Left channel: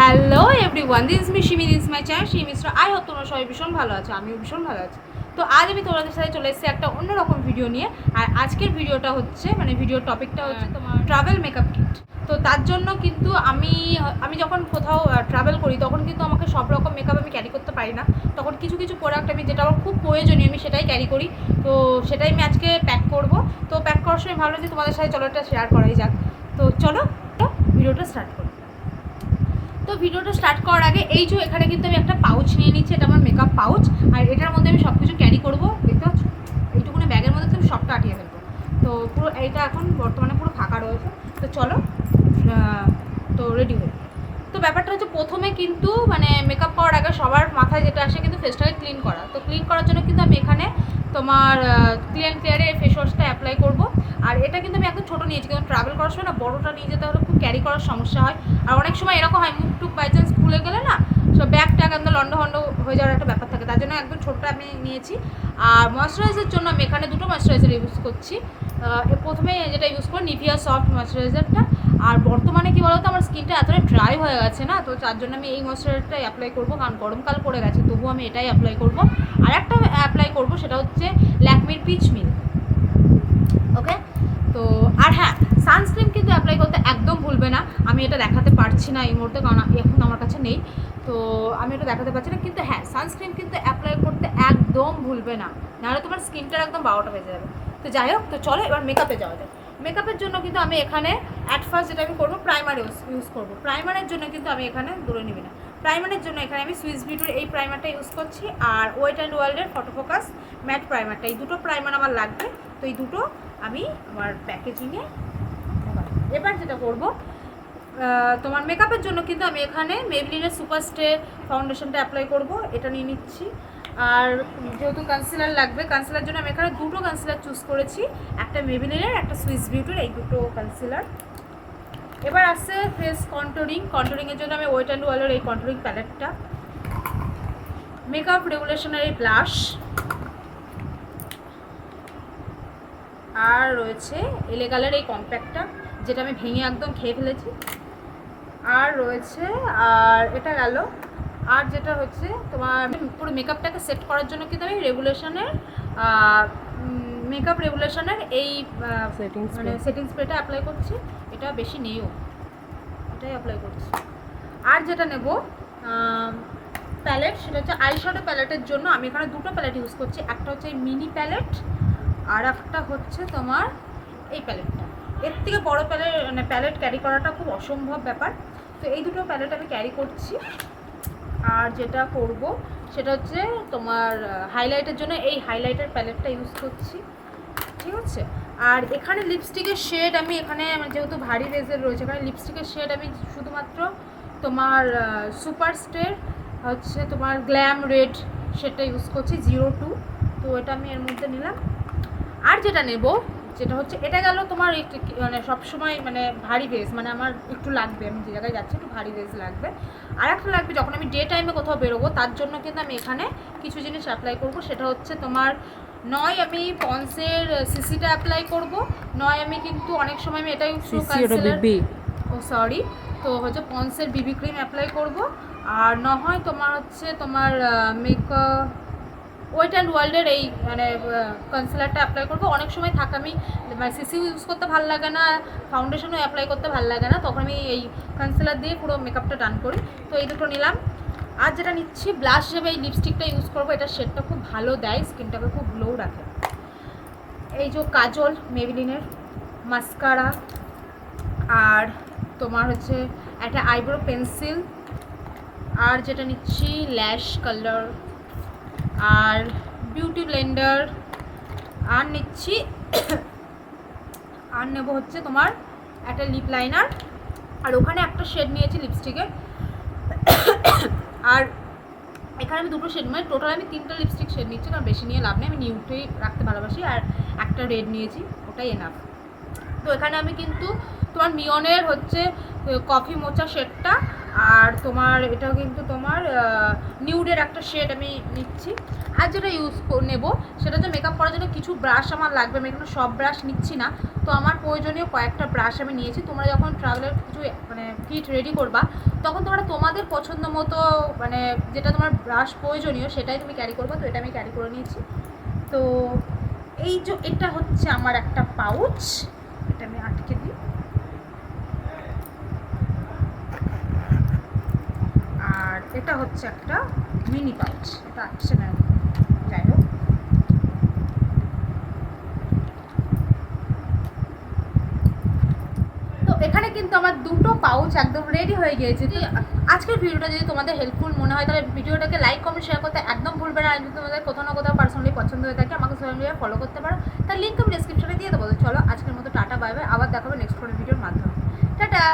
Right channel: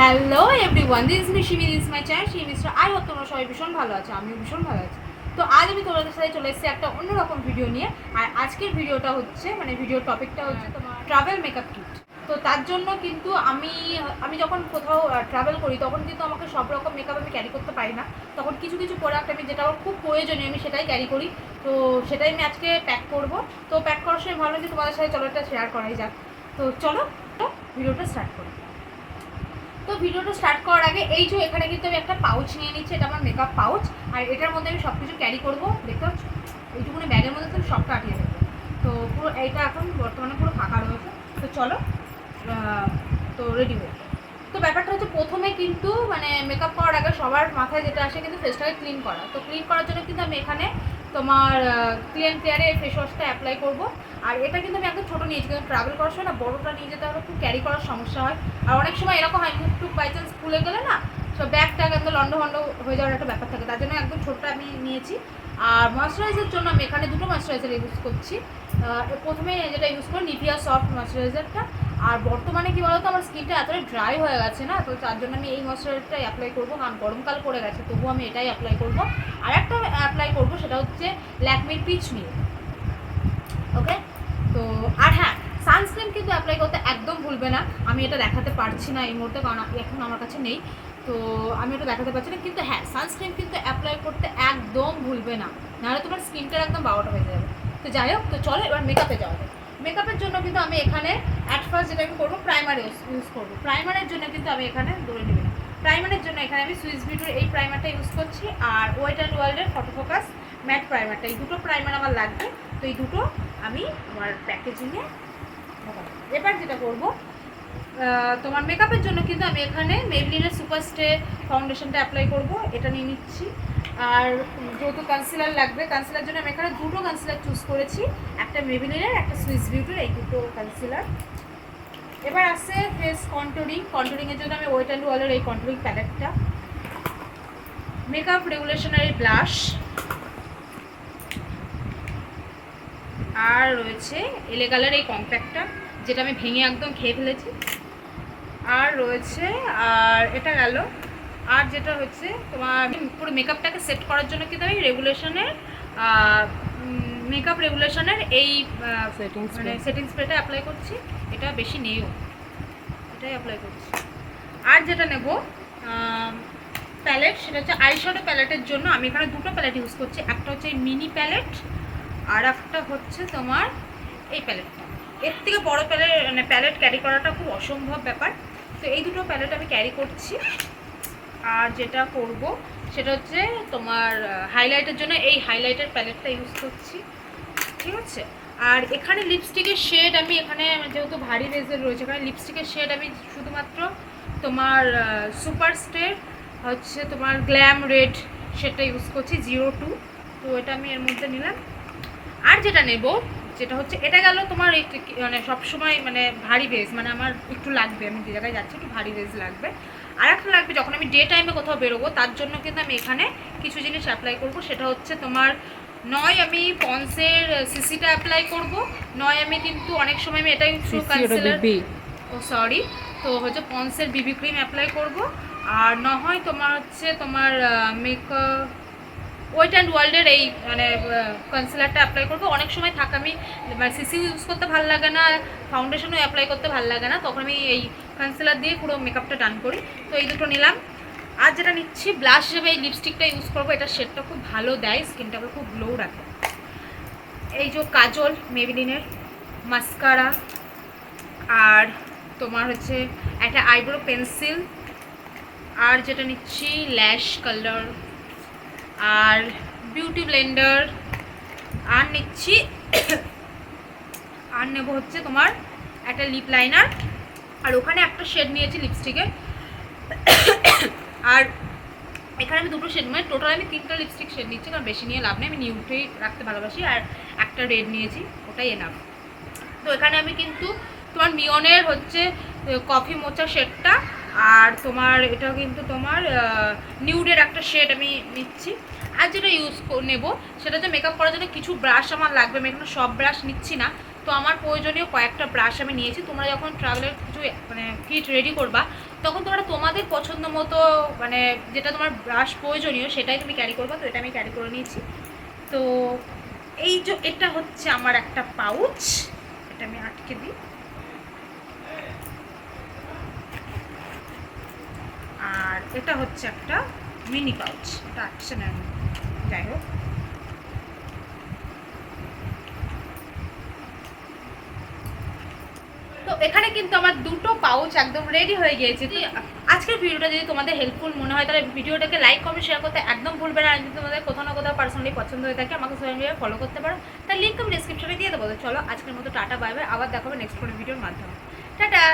Hello everyone, this is me Shimi, this my channel Shimi Mishra. I hope তোমরা সবাই ভীষণ ভালো আছো, আমিও ভীষণ ভালো আছি। তো আজ আমি তোমাদের সাথে চলে এসেছি একটা অন্যরকম ভিডিও নিয়ে। আর আজকের ভিডিওটা হচ্ছে ভিডিওর টপিকটা হচ্ছে তোমার ট্রাভেল মেকআপ কিট। তো তার জন্য কিন্তু আমি যখন কোথাও ট্রাভেল করি তখন কিন্তু আমাকে সব রকম মেকআপ আমি ক্যারি করতে পারি না। তখন কিছু কিছু প্রোডাক্ট আমি যেটা আমার খুব প্রয়োজনীয় আমি সেটাই ক্যারি করি। তো সেটাই আমি আজকে প্যাক করব। তো প্যাক করার সময় ভাবলাম যে তোমাদের সাথে চলো এটা শেয়ার করাই যাক। তো চলো ভিডিওটা স্টার্ট করি। তো ভিডিওটা স্টার্ট করার আগে এই যে এখানে কিন্তু আমি একটা পাউচ নিয়ে নিচ্ছি, এটা আমার মেকআপ পাউচ। আর এটার মধ্যে আমি সব কিছু ক্যারি করবো, দেখতে পাচ্ছ এইটুকুনি ব্যাগের মধ্যে তুমি সবটা আটিয়ে ফেলবো। তো পুরো এইটা এখন বর্তমানে পুরো ফাঁকা রয়েছে। তো চলো তো রেডি হই। তো ব্যাপারটা হচ্ছে প্রথমে কিন্তু মেকআপ করার আগে সবার মাথায় যেটা আসে কিন্তু ফেসটাকে ক্লিন করা। তো ক্লিন করার জন্য কিন্তু আমি এখানে তোমার ক্লিন ক্লিয়ারের ফেস ওয়াশটা অ্যাপ্লাই করবো। আর এটা কিন্তু আমি একদম ছোটো নিয়েছি, কিন্তু ট্রাভেল করার সময় না বড়োটা নিয়ে যেতে হলে খুব ক্যারি করার সমস্যা হয়। আর অনেক সময় এরকম হয় মুখ টুক বাই চান্স খুলে গেলে না সব ব্যাগ ট্যাগ একদম লন্ড হয়ে যাওয়ার একটা ব্যাপার থাকে, তার জন্য একদম ছোটোটা আমি নিয়েছি। আর ময়শ্চারাইজারের জন্য আমি এখানে দুটো ময়শ্চারাইজার ইউজ করছি। প্রথমে যেটা ইউজ করি নিভিয়া সফট ময়শ্চারাইজারটা। আর বর্তমানে কী বলতো আমার স্কিনটা এতটাই ড্রাই হয়ে গেছে না, তো তার জন্য আমি এই ময়শ্চারাইজারটাই অ্যাপ্লাই করবো, কারণ গরমকাল পড়ে গেছে তবু আমি এটাই অ্যাপ্লাই করবো। আর একটা অ্যাপ্লাই করবো সেটা হচ্ছে ল্যাকমির পিচ মিল। ওকে, তো আর হ্যাঁ, সানস্ক্রিন কিন্তু অ্যাপ্লাই করতে একদম ভুলবে না। আমি এটা দেখাতে পারছি না এই মুহূর্তে, কারণ এখন আমার কাছে নেই, তো আমি এটা দেখাতে পারছি না। কিন্তু হ্যাঁ, সানস্ক্রিন কিন্তু অ্যাপ্লাই করতে একদম ভুলবে না, নাহলে তোমার স্কিনটার একদম 12টা বেজে যাবে। তো যাই হোক, তো চলো এবার মেকআপে যাওয়া যায়। মেকআপের জন্য কিন্তু আমি এখানে অ্যাট ফার্স্ট যেটা আমি করবো প্রাইমার ইউজ করবো। প্রাইমারের জন্য কিন্তু আমি এখানে দৌড়ে নিবি না। প্রাইমারের জন্য এখানে আমি সুইস বিউটির এই প্রাইমারটা ইউজ করছি, আর ওয়েট অ্যান্ড ওয়ার্ল্ডের ফটো ফোকাস ম্যাট প্রাইমারটা। এই দুটো প্রাইমার আমার লাগবে, তো এই দুটো আমি আমার প্যাকেজিংয়ে। এবার যেটা করব তোমার মেকআপের জন্য কিন্তু আমি এখানে মেবলিনের সুপার স্টে ফাউন্ডেশনটা অ্যাপ্লাই করব, এটা নিয়ে নিচ্ছি। আর যেহেতু কনসিলার লাগবে, কনসিলার জন্য আমি এখানে দুটো কনসিলার চুজ করেছি, একটা মেবলিনের একটা সুইস বিউটির, এই দুটো কনসিলার। এবার আসছে ফেস কন্ট্রোলিংয়ের জন্য আমি ওয়েট অ্যান্ড ওয়ালের এই কন্ট্রোলিং প্যালেটটা, মেকআপ রেগুলেশনের এই ব্লাশ, আর রয়েছে এলেগালের এই কম্প্যাক্টটা যেটা আমি ভেঙে একদম খেয়ে ফেলেছি, আর রয়েছে আর এটা গেল। আর যেটা হচ্ছে তোমার পুরো মেকআপটাকে সেট করার জন্য কিন্তু আমি মেকআপ রেগুলেশনের এই সেটিং স্প্রেটা অ্যাপ্লাই করছি। এটা বেশি নেইও, এটাই অ্যাপ্লাই করছি। আর যেটা নেব প্যালেট, সেটা হচ্ছে আইশ্যাডো প্যালেটের জন্য আমি এখানে দুটো প্যালেট ইউজ করছি। একটা হচ্ছে মিনি প্যালেট, আর একটা হচ্ছে তোমার এই প্যালেটটা। এর থেকে বড়ো প্যালেট ক্যারি করাটা খুব অসম্ভব ব্যাপার, তো এই দুটো প্যালেট আমি ক্যারি করছি। আর যেটা করব সেটা হচ্ছে তোমার হাইলাইটের জন্য এই হাইলাইটার প্যালেটটা ইউজ করছি, ঠিক আছে। আর এখানে লিপস্টিকের শেড আমি এখানে যেহেতু ভারী বেজের রয়েছে, এখানে লিপস্টিকের শেড আমি শুধুমাত্র তোমার সুপার স্টে হচ্ছে তোমার গ্ল্যাম রেড শেডটা ইউজ করছি 02, তো এটা আমি এর মধ্যে নিলাম। আর যেটা নেব যেটা হচ্ছে এটা গেল তোমার সবসময় ভারী বেজ, আমার একটু লাগবে, আমি যে জায়গায় যাচ্ছি একটু ভারী বেজ লাগবে। আর একটা লাগবে যখন আমি ডে টাইমে কোথাও বেরোবো, তার জন্য কিন্তু আমি এখানে কিছু জিনিস অ্যাপ্লাই করব। সেটা হচ্ছে তোমার নয় আমি পন্সের সিসিটা অ্যাপ্লাই করব, নয় আমি কিন্তু অনেক সময় আমি এটা ইউজ করব, সরি, তো হচ্ছে পন্সের বিবি ক্রিম অ্যাপ্লাই করব। আর নহয় তোমার হচ্ছে তোমার মেকআপ ওয়েট অ্যান্ড ওয়ার্ল্ডের এই কনসিলারটা অ্যাপ্লাই করবো। অনেক সময় থাকে আমি সিসিও ইউজ করতে ভালো লাগে না, ফাউন্ডেশনও অ্যাপ্লাই করতে ভালো লাগে না, তখন আমি এই কনসিলার দিয়ে পুরো মেকআপটা ডান করি। তো এই দুটো নিলাম। আর যেটা নিচ্ছি ব্লাশ হিসেবে এই লিপস্টিকটা ইউজ করবো, এটা শেডটা খুব ভালো দেয়, স্কিনটাকে খুব গ্লো রাখে। এই যে কাজল মেবলিনের, মাস্কারা, আর তোমার হচ্ছে একটা আইব্রো পেন্সিল, আর যেটা নিচ্ছি ল্যাশ কালার, আর বিউটি ব্লেন্ডার, আর নিচ্ছি আর নেব হচ্ছে তোমার একটা লিপ লাইনার, আর ওখানে একটা শেড নিয়েছি লিপস্টিকের। আর এখানে আমি দুটো শেড টোটাল আমি 3টা লিপস্টিক শেড নিচ্ছি, কারণ বেশি নিয়ে লাভ নেই, আমি নিউট্রেই রাখতে ভালোবাসি। আর একটা রেড নিয়েছি, ওটাই এনাফ। তো এখানে আমি কিন্তু তোমার মিয়নের হচ্ছে কফি মোচা শেডটা, আর তোমার এটাও কিন্তু তোমার নিউডের একটা শেড আমি নিচ্ছি। আর যেটা ইউজ নেব সেটা হচ্ছে মেকআপ করার জন্য কিছু ব্রাশ আমার লাগবে, আমি এখানে সব ব্রাশ নিচ্ছি না, তো আমার প্রয়োজনীয় কয়েকটা ব্রাশ আমি নিয়েছি। তোমরা যখন ট্রাভেলের কিছু কিট রেডি করবা তখন তোমরা তোমাদের পছন্দ মতো মানে যেটা তোমার ব্রাশ প্রয়োজনীয় সেটাই তুমি ক্যারি করবে। তো এটা আমি ক্যারি করে নিয়েছি। তো এই যে এটা হচ্ছে আমার একটা পাউচ, এটা আমি আটকে দিই। আর এটা হচ্ছে একটা মিনি পাউচ, এটা আটছে না, যাই হোক। তো এখানে কিন্তু আমার দুটো পাউচ একদম রেডি হয়ে গিয়েছে। তো আজকের ভিডিওটা যদি তোমাদের হেল্পফুল মনে হয় তাহলে ভিডিওটাকে লাইক কমেন্ট শেয়ার করতে একদম ভুলবে না। আর যদি তোমাদের কোথাও না কোথাও পার্সোনালি পছন্দ হয়ে থাকে আমাকে সোশ্যাল মিডিয়ায় ফলো করতে পারো, তার লিঙ্ক আমি ডিসক্রিপশনে দিয়ে দেবো। চলো আজকের মতো টাটা বাই বাই, আবার দেখাবো নেক্সট কোনো ভিডিওর মাধ্যমে। টাটা।